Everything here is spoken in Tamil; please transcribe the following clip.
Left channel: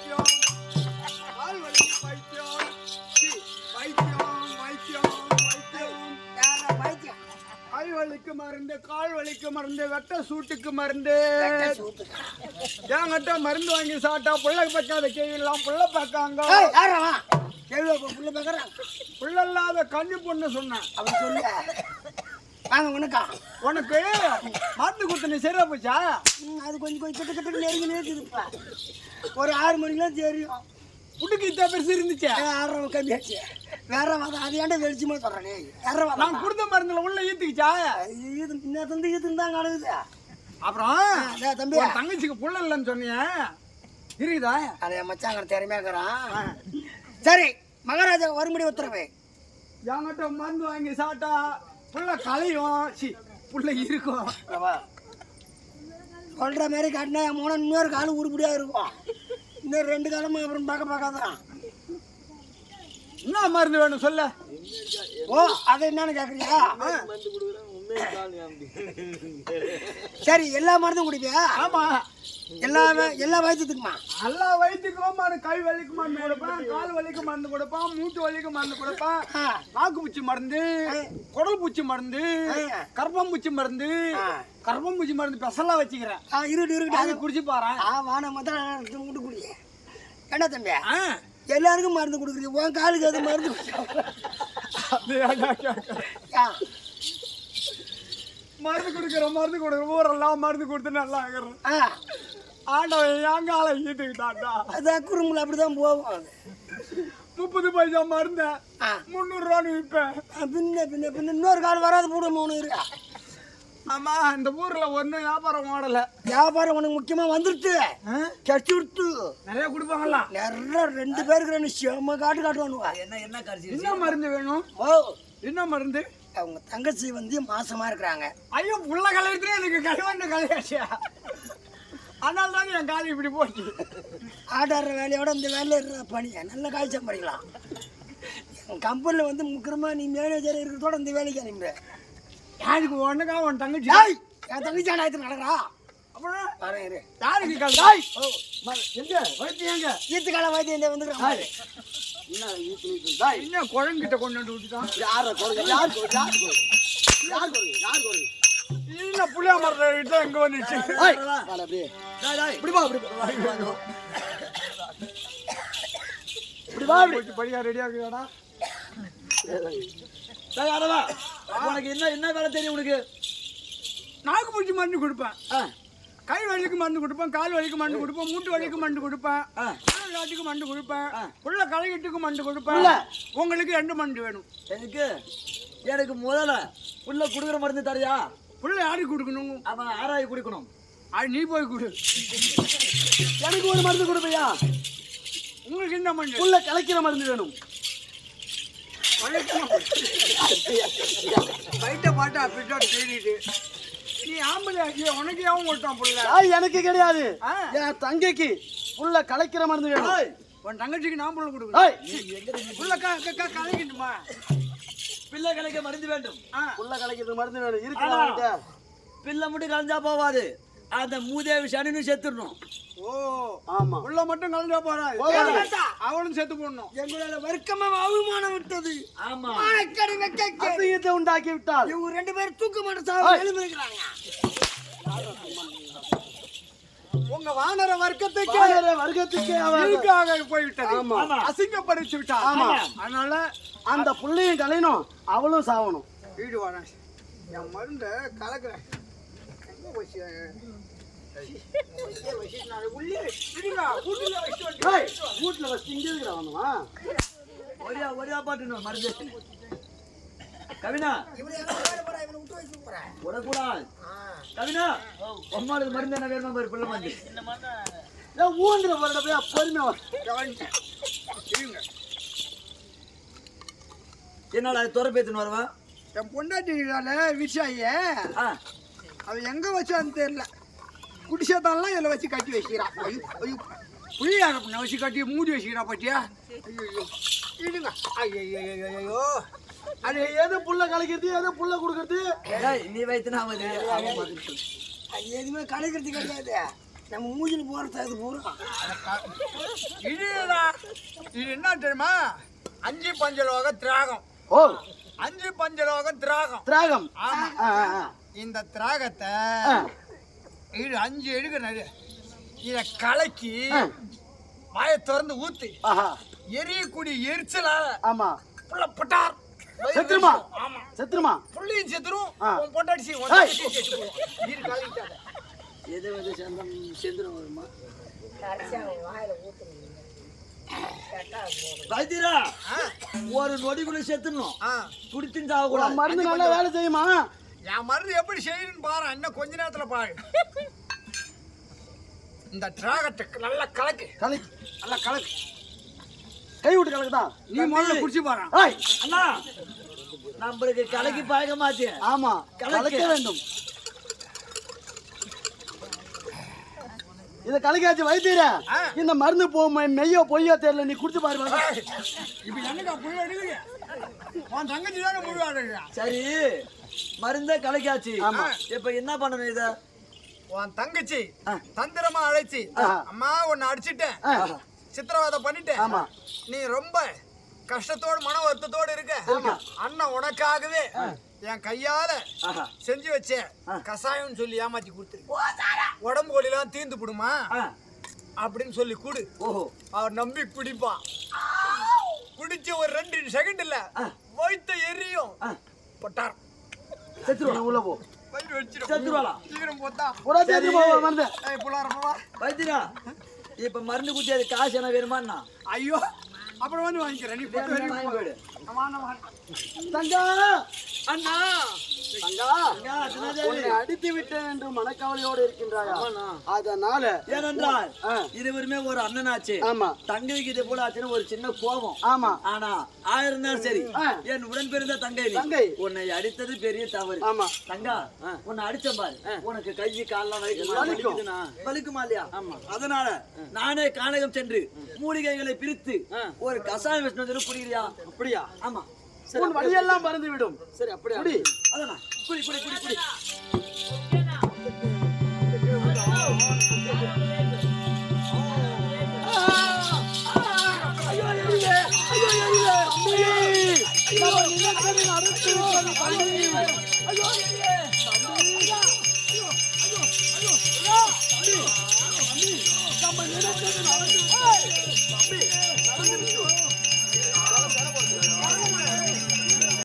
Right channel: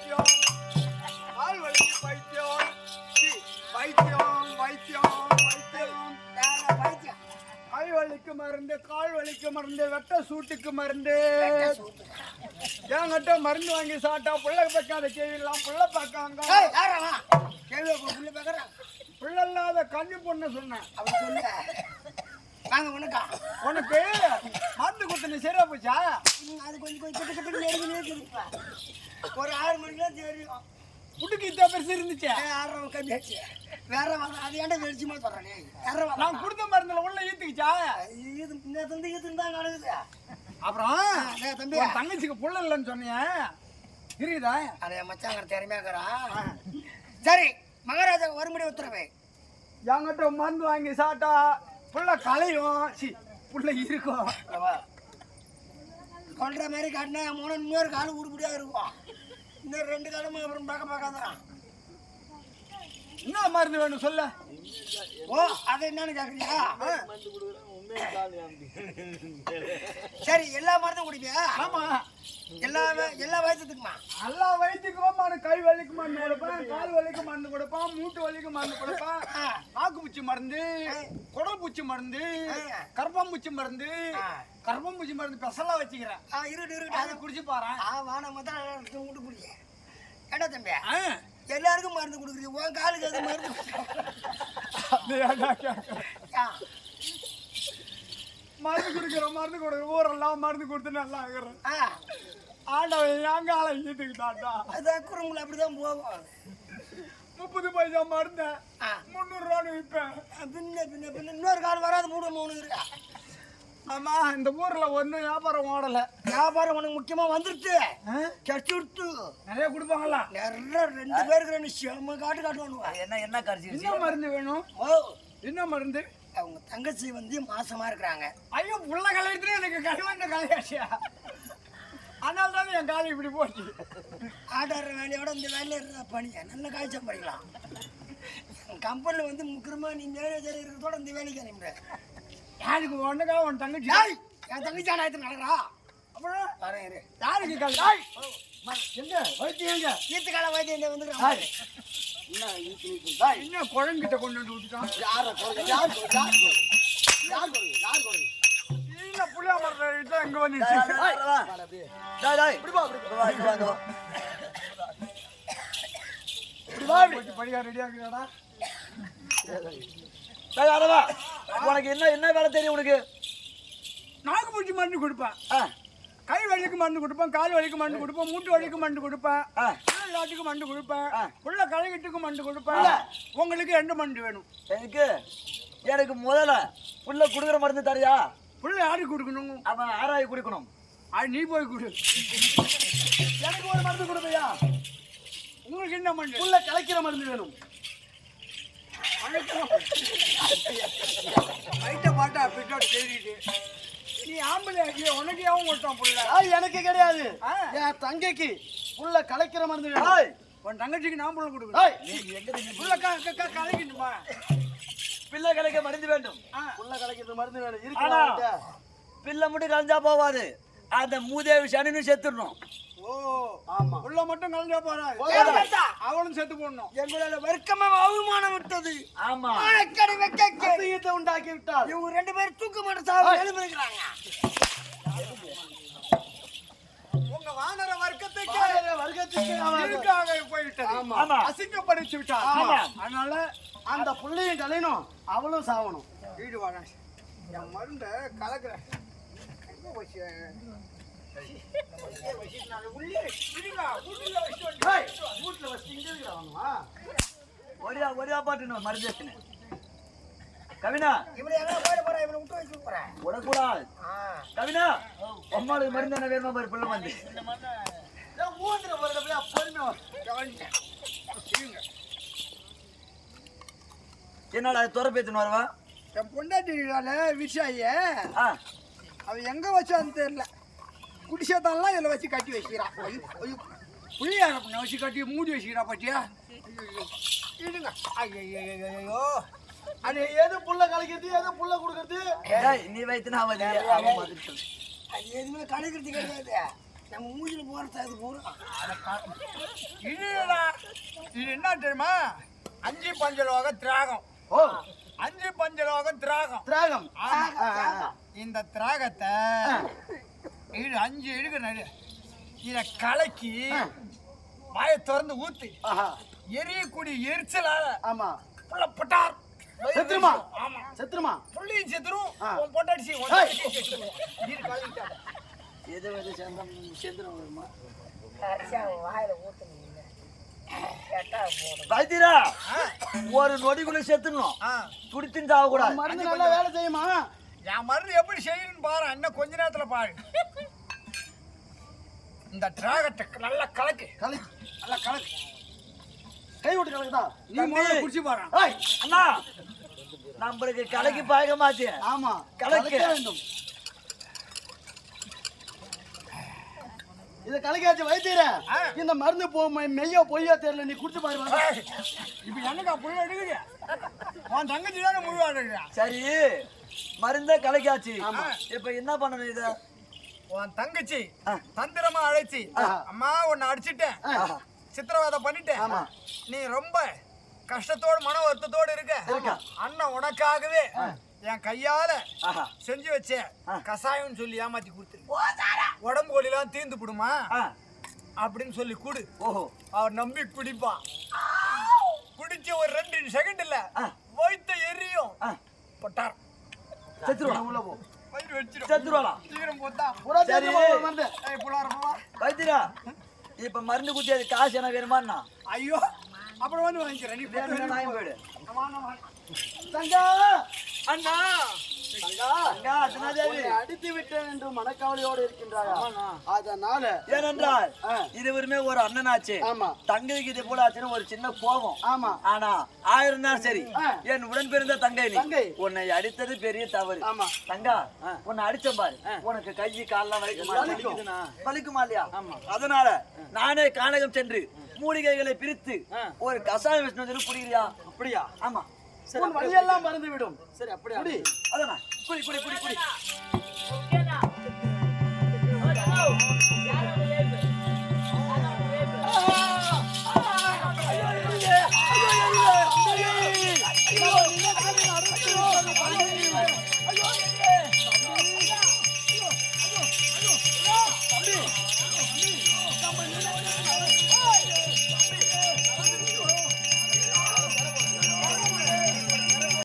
பைத்தியம், கால் வலிக்கு பைத்தியம், பைத்தியம் பைத்தியம் பைத்தியம், கை வலிக்கு மருந்து, கால் வலிக்கு மருந்து, வெட்ட சூட்டுக்கு மருந்து. என்கிட்ட மருந்து வாங்கி சாப்பிட்டா புள்ள பக்காத கேள்லாம் புள்ள பக்காங்க புள்ள இல்லாத கண்ணி பொண்ணு சொன்னேன். அவன் சொல்ல உனக்கு மருந்து கொடுத்து நீ சரியா போச்சா? அது கொஞ்சம் கொஞ்சம் கிட்ட கிட்ட நெருங்கி ஒரு 6 மணிக்கெல்லாம் தெரியும். புட்டுக்கு இத்தனை பெருசு இருந்துச்சு. 6 கம்மியாச்சு. வேற அது ஏன்டா வெளிச்சமா சொல்றேன். நான் கொடுத்த மருந்துல உள்ள ஈத்துக்குச்சா? இது தந்து ஈத்துன்னு தான் கிடக்குது. அப்புறம் தம்பி தங்கச்சிக்கு புள்ள இல்லைன்னு சொன்னீங்க, இருக்குதா? அதை மச்சாங்க திறமையாக்குறான். சரி, மகாராஜா வரும்படி உத்தரவு. என்கிட்ட மருந்து வாங்கி சாப்பிட்டா புள்ள களையும், புள்ள இருக்கும். சொல்ற மாதிரி காட்டினா இன்னொரு காலம் உருப்படியா இருக்கும். இன்னொரு 2 காலமும் அப்புறம் பார்க்காதான். என்ன மருந்து வேணும் சொல்ல? ஓ, அதை என்னன்னு கேக்குறியா? சரி, எல்லா மருந்தும் குடிப்பியா? ஆமா, எல்லா வயசுக்குமா? எல்லா வயிற்றுக்கும் கை வலிக்கு மருந்து கொடுப்பேன், கால் வலிக்கு மருந்து கொடுப்பேன், மூட்டு வலிக்கு மருந்து கொடுப்பேன், நாக்கு பூச்சி மருந்து, குடல் பூச்சி மருந்து, கர்ப்பம் பூச்சி மருந்து, கர்ப்பம் பூச்சி மருந்து பெசலா வச்சுக்கிறேன். இருக்கு குடிச்சு பாரு. வான மட்டும் குடி. என்ன தம்பி, எல்லாருக்கும் மருந்து கொடுக்குறீங்க, உன் காலுக்கு அது மருந்து மருந்து கொடுக்குற ஊரெல்லாம் மருந்து கொடுத்து நல்லா ஆகிறேன். ஆண்டவன் எங்க ஆளை ஈட்டுக்கிட்டாண்டா. அதான் குறும்புல அப்படிதான் போகும். 30 பைசா மருந்த 300 ரூபான்னு விற்பேன். பின்ன இன்னொரு கால் வராது போட 3 இருக்கா. ஆமா, இந்த ஊர்ல ஒன்னும் வியாபாரம் ஓடல. வியாபாரம் உனக்கு முக்கியமா வந்துருச்சு. கட்சி விட்டு நிறைய கொடுப்பாங்களா? நிறைய 2 பேருக்கு செம்ம காட்டுவானுவா. என்ன கரிசி? என்ன மருந்து வேணும்? என்ன மருந்து? அவங்க தங்கச்சி மாசமா இருக்கிறாங்க. ஐயோ, புள்ள கலையத்துல எனக்கு கழிவந்த கலையாச்சியா? அதனால தான் என் காலி இப்படி போச்சு. ஆடாடுற வேலையோட இந்த வேலையில பணியா நல்ல காய் சம்பாதிக்கலாம். என் கம்பெனியில் முக்கியமா நீ மேனேஜர் இருக்கிறதோட இந்த வேலைக்கு அனுப்பிடு. யாருக்கு ஒண்ணுக்கா உன் தங்கச்சி? என் தங்கச்சி ஆனாயத்து நடக்கிறா. அப்புறம் யாருக்கு கால் எங்க வைத்தியம்? எங்க ஈத்து கால வைத்தியம் வந்துக்கிறான். என்ன குழந்தைகிட்ட கொண்டு விட்டுட்டான்? புளியா மரத்த எங்க வந்துச்சு? படியா ரெடியா இருக்குதாடா? உனக்கு என்ன வேலை தெரியும்? உனக்கு நாக்கு பூச்சி மருந்து கொடுப்பேன், கை வலிக்கு மருந்து கொடுப்பேன், கால் வலிக்கு மருந்து கொடுப்பேன், மூட்டு வலிக்கு மருந்து கொடுப்பேன், புள்ளாட்டுக்கு மருந்து கொடுப்பேன், புள்ள களையிட்டுக்கு மருந்து கொடுப்பேன். உங்களுக்கு 2 மருந்து வேணும். எனக்கு முதல்ல புள்ள குடுக்குற மருந்து தரியா? புள்ள யாருக்கு கொடுக்கணும்? அவன் ஆராய் குடிக்கணும். அது நீ போய் கொடு. எனக்கு ஒரு மருந்து கொடுப்பையா? உங்களுக்கு என்ன மருந்து? புள்ள கலைக்கிற மருந்து வேணும். பைட்ட பாட்டா பிட்டாட்டு தேடிட்டு நீ ஆம்பளை ஆகிய உனக்கு யாவும் கொடுத்தான் புள்ள? எனக்கு கிடையாது, என் தங்கைக்கு புள்ள கலைக்கிற மருந்து வேணும். உன் தங்கச்சிக்கு நான் புள்ள கொடுக்கணும். புள்ள கலைக்கணுமா? பிள்ளை கலைக்க மருந்து வேண்டும். புள்ள கலைக்கிறது மருந்து வேணும். இருக்கு, பிள்ளை மட்டும் கலைஞ்சா போவாது, அந்த மூதேவி சனின்னு செத்துடணும். ஓ ஆமா, புள்ள மட்டும் கலைஞ்சா போறாது, அவனும் செத்து போடணும். எங்களோட வர்க்கமா அவமானம் விட்டது. ஆமா, உண்டாக்கி விட்டால் இவங்க 2 பேரும் தூக்க மாட்ட சாவு எழுந்திருக்கிறாங்க. உங்க வானர வர்க்கத்துக்கு அவன் போய்விட்டது, அசிங்கப்படுத்தி விட்டார். அதனால அந்த புள்ளையும் கலையணும், அவளும் சாவணும். வீடு வாங்க, என் மருந்த கலக்குறேன். எங்க வச்சு ஒரே பாட்டு மருந்து கவினா விடக்கூடாது. கவினா, அம்மாளுக்கு மருந்து என்ன வேணுமா பாரு? பிள்ளை மருந்து ஊந்திர பொறுமை. என்னடா துறப்பேத்துன்னு வருவா? என் பொண்டாட்டினால விஷாய அவ எங்க வச்சான்னு தெரியல. குடிசேத்தான்லாம் இதில் வச்சு கட்டி வச்சுக்கிறான். புளியா வச்சு கட்டி மூடி வச்சுக்கிறா பாட்டியா? இடுங்க. ஐயோ, அது எது புள்ள கலைக்கிறது, எது புள்ள கொடுக்கறது? நீ வைத்துனா எதுவுமே கலைக்கிறது கிடையாது. நம்ம மூஞ்சில போறது அது பூரா இதுடா இது என்ன தெரியுமா 5 பஞ்சலோக திராகம். ஓ 5 பஞ்சலோகம் திராகம். திராகம். ஆமா. இந்த திராகத்தை இது 5 எடுக்கணும். இத கலக்கி வாயை திறந்து ஊத்து. எரியக்கூடிய எரிச்சலால ஆமா புள்ள பட்டார் செத்துருமா? ஆமா செத்துருமா? புள்ளியும் செத்துரும். உன் பொண்டாட்டி உன் தங்கச்சி செத்து போகும். இரு கலக்கிட்டாத. எது செந்துரும் வருமா? வாயில ஊத்தணும் வைத்தியரா ஒரு நொடிக்குள்ள செத்துணும். குடித்துன்னு சாக கூடாது. மருந்து நல்லா வேலை செய்யுமா? என் மருந்து எப்படி செய்யணும்னு பாரு. இன்னும் கொஞ்ச நேரத்துல பாரு. இந்த டிராகத்தை நல்லா கலக்கு. கலக்கு. நல்லா கலக்கு. கை விட்டு கலக்குதா? நீ முதல்ல குடிச்சு பாரு. அண்ணா நம்மளுக்கு கலக்கி பாய்க்க மாட்டேன். ஆமா கலக்க வேண்டும். இத கலக்காச்சு வைத்தியரே. இந்த மருந்து மெய்யோ பொய்யோ தெரியல, நீ குடிச்சு பாரு. இப்ப என்னக்கா புள்ள எடுக்கிறீங்க? உன் தங்கச்சி தானே முழு ஆடுறா. சரி மருந்த கலக்காச்சு. இப்ப என்ன பண்ணணும்? இத உன் தங்கச்சி தந்திரமா அழைச்சி, அம்மா உன்னை அடிச்சுட்டேன், சித்திரவதை பண்ணிட்டேன், நீ ரொம்ப கஷ்டத்தோடு மன வருத்தத்தோடு இருக்க, அண்ணன் உனக்காகவே என் கையால செஞ்சு வச்ச கசாயம் சொல்லி ஏமாத்தி கொடுத்துரு. உடம்பு வலிலாம் தீர்ந்து போடுமா அப்படின்னு சொல்லி குடு. அவர் நம்பி குடிப்பான். குடிச்ச ஒரு 2 செகண்ட் இல்ல வயித்த எரியும். பட்டார் செத்துருவா. உள்ள போ. வயிறு வச்சிரும். செத்துருவாளா? சீக்கிரம் போத்தா. சரி மருந்து. வைத்தியரா இப்ப மருந்து குத்தி அது காசு என்ன வேணுமாண்ணா? ஐயோ அப்புறம் வந்து வாங்கிக்கிறேன். நீ போயிடு. தங்கா அண்ணா அடித்து விட்டேன் என்று மனக்கவலையோடு இருக்கின்றார்கள். அதனால ஏனென்றால் இருவருமே ஒரு அண்ணனாச்சு. ஆமா தங்கைக்கு இதே போல ஆச்சுன்னு ஒரு சின்ன கோபம். ஆமா ஆனா 1000 நாள் சரி என் உடன் பிறந்த தங்கை தங்கை உன்னை அடித்தது பெரிய தவறு. ஆமா தங்கா உன்னை அடிச்ச பாரு, உனக்கு கை கால்லாம் வலிக்குமா இல்லையா? அதனால நானே கானகம் சென்று மூலிகைகளை பிரித்து ஒரு கசாயம் விஷ்ணு குடிக்கிறியா? அப்படியா? ஆமா வழியெல்லாம் மறந்து விடும். சரி அப்படியா? அதானா குடி குடி குடி குடி. ஐயோ